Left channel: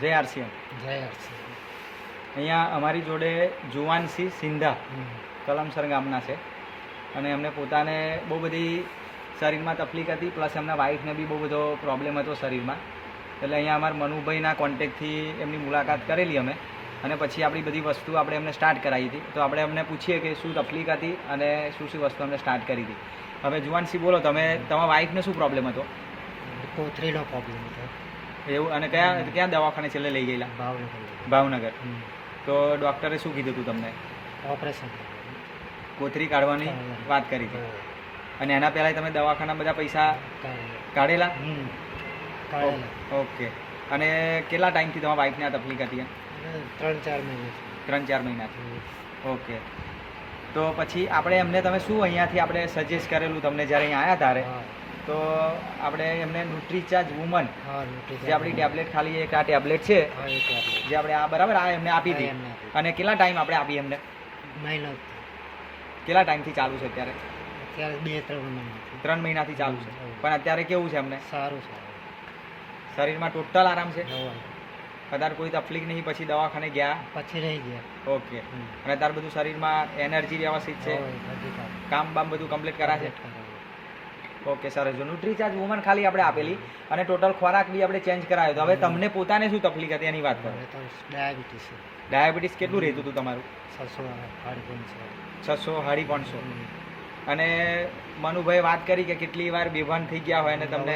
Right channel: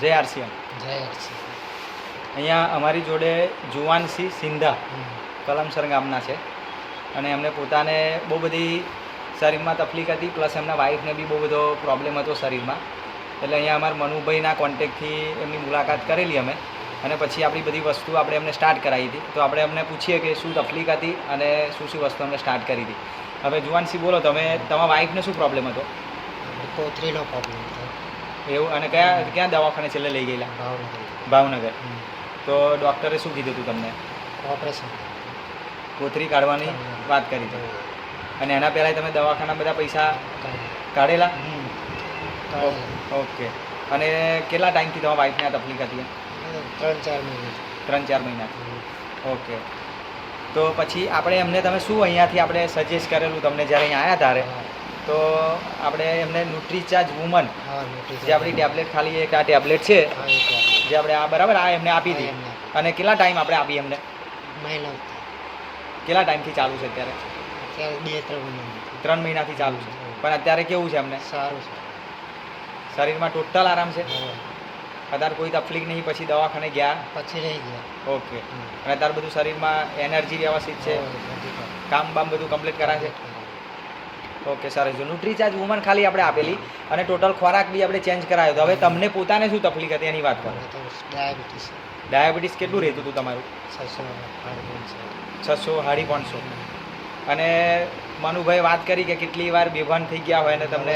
જય આરસીએમ. જય આરસીએમ. અહીંયા અમારી જોડે જુવાનસિંહ સિંધા કલમસર ગામના છે. અને એમને પોતાને બહુ બધી શરીરમાં તકલીફ હતી પ્લસ એમના વાઈફને બી બહુ બધો પ્રોબ્લેમ હતો શરીરમાં. એટલે અહીંયા અમારા મનુભાઈના કોન્ટેક્ટથી એમની મુલાકાત કરેલી અમે. અને પછી આપણી બધી વસ્તુ આપણે એમને સ્ટાર્ટ કરાવી હતી. તો આપણે એમને પૂછીએ કે શું તકલીફ હતી અને શું શું વસ્તુ અમને સ્ટાર્ટ કરી હતી. હવે જુવાનસિંહ બોલો તમે તમારા વાઈફને શું પ્રોબ્લેમ હતો? કોથરીનો પ્રોબ્લેમ હતો. એવું અને કયા ક્યાં દવાખાને છેલ્લે લઈ ગયેલા? ભાવનગર. ભાવનગર. તો ડૉક્ટરે શું કીધું હતું તમને? ઓપરેશન. કોથરી કાઢવાની વાત કરી હતી અને એના પહેલાં તમે દવાખાના બધા પૈસા કાઢેલા. ઓકે. અને કેટલા ટાઈમથી તમારા વાઈફને આ તકલીફ હતી ત્રણ ચાર મહિના. ત્રણ ચાર મહિનાથી ઓકે. તો પછી આપણે એમને તમે શું અહીંયાથી આપણે સજેસ્ટ કરેલું તમને જ્યારે અહીંયા આવ્યા ત્યારે? તો આપણે એમને ન્યુટ્રીચાર્જ વુમન જે આપણી ટેબ્લેટ ખાલી એક આ ટેબ્લેટ છે જે આપણે આ બરાબર આ એમને આપી હતી. અને કેટલા ટાઈમ આપણે આપી એમને? કેટલા ટાઈમથી ચાલુ છે અત્યારે? બે ત્રણ મહિના ત્રણ મહિનાથી ચાલુ છે. પણ અત્યારે કેવું છે એમને? સારું છે. શરીરમાં ટોટલ આરામ છે? અત્યારે કોઈ તકલીફ નહીં પછી દવાખાને ગયા? પછી રહી ગયા. ઓકે અને અત્યારે બધું શરીરમાં એનર્જી વ્યવસ્થિત છે? કામ. કામ બામ બધું કમ્પ્લીટ કરાશે? ઓકે સરસ. જો ન્યુટ્રીચાર્જ વુમન ખાલી આપણે આપેલી અને ટોટલ ખોરાક બી આપણે ચેન્જ કરાયો. તો હવે તમને પોતાને શું તકલીફ હતી એની વાત કરો. ડાયાબિટીસ ડાયાબિટીસ કેટલું રહેતું હતું તમારું? છસો છસો સાડી પાંચસો. અને મનુભાઈ વાત કરી કે કેટલી વાર બેભાન થઈ ગયા હોય અને તમને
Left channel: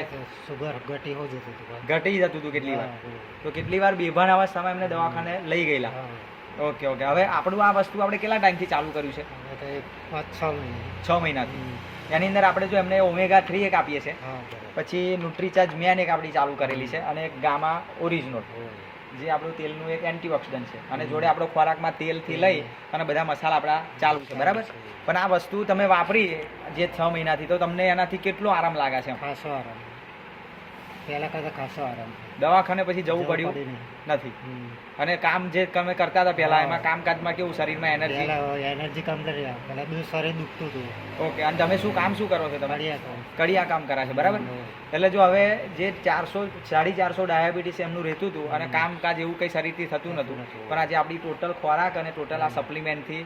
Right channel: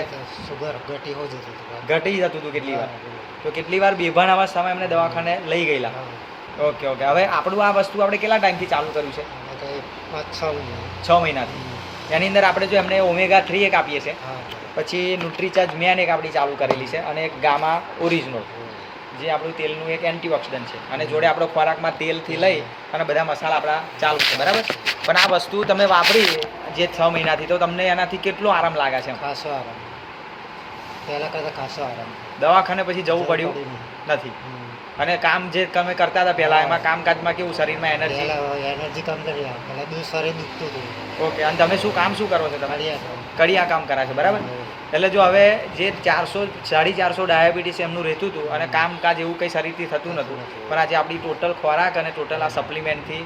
સુગર ઘટી હોય જતું ઘટી જતું હતું કેટલી વાર? તો કેટલી વાર બેભાન અવસ્થામાં એમને દવાખાને લઈ ગયેલા? ઓકે ઓકે હવે આપણું આ વસ્તુ આપણે કેટલા ટાઈમથી ચાલુ કર્યું છે? છ મહિનાથી. એની અંદર આપણે જો એમને ઓમેગા થ્રી એક આપીએ છીએ પછી ન્યુટ્રીચાર્જ મેન એક આપણી ચાલુ કરેલી છે અને એક ગામા ઓરિજિનલ જે આપણું તેલનું એક એન્ટીઓક્સિડન્ટ છે. અને જોડે આપણો ખોરાકમાં તેલથી લઈ અને બધા મસાલા આપણા ચાલુ છે બરાબર? પણ આ વસ્તુ તમે વાપરી જે છ મહિનાથી તો તમને એનાથી કેટલો આરામ લાગે છે? ખાસો આરામ. પહેલા કરતા ખાસો આરામ. દવાખાને પછી જવું પડ્યું નથી. અને કામ જે તમે કરતા હતા પહેલા એમાં કામકાજમાં કેવું શરીરમાં એનર્જી એનર્જી કામ કરી પહેલા બધું શરીર દુખતું હતું. ઓકે અને તમે શું કામ શું કરો છો તમે? કડિયા કામ. કરા છે બરાબર? એટલે જો હવે જે ચારસો સાડી ચારસો ડાયાબિટીસ એમનું રહેતું હતું અને કામકાજ એવું કંઈ શરીરથી થતું નહોતું પણ આજે આપણી ટોટલ ખોરાક અને ટોટલ આ સપ્લિમેન્ટથી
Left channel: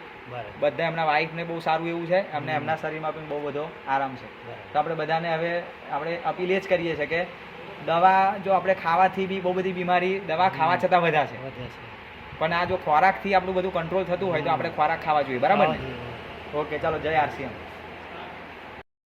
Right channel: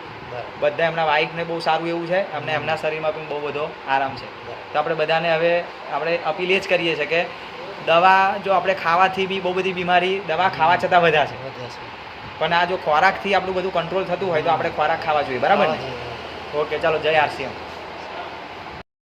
બધા એમના વાઇફને બહુ સારું એવું છે અને એમના શરીરમાં પણ બહુ બધો આરામ છે. તો આપણે બધાને હવે આપણે અપીલ એ જ કરીએ છીએ કે દવા જો આપણે ખાવાથી બી બહુ બધી બીમારી દવા ખાવા છતાં વધ્યા છે. પણ આ જો ખોરાકથી આપણું બધું કંટ્રોલ થતું હોય તો આપણે ખોરાક ખાવા જોઈએ. બરાબર ને? ઓકે ચાલો જય આરસીએમ.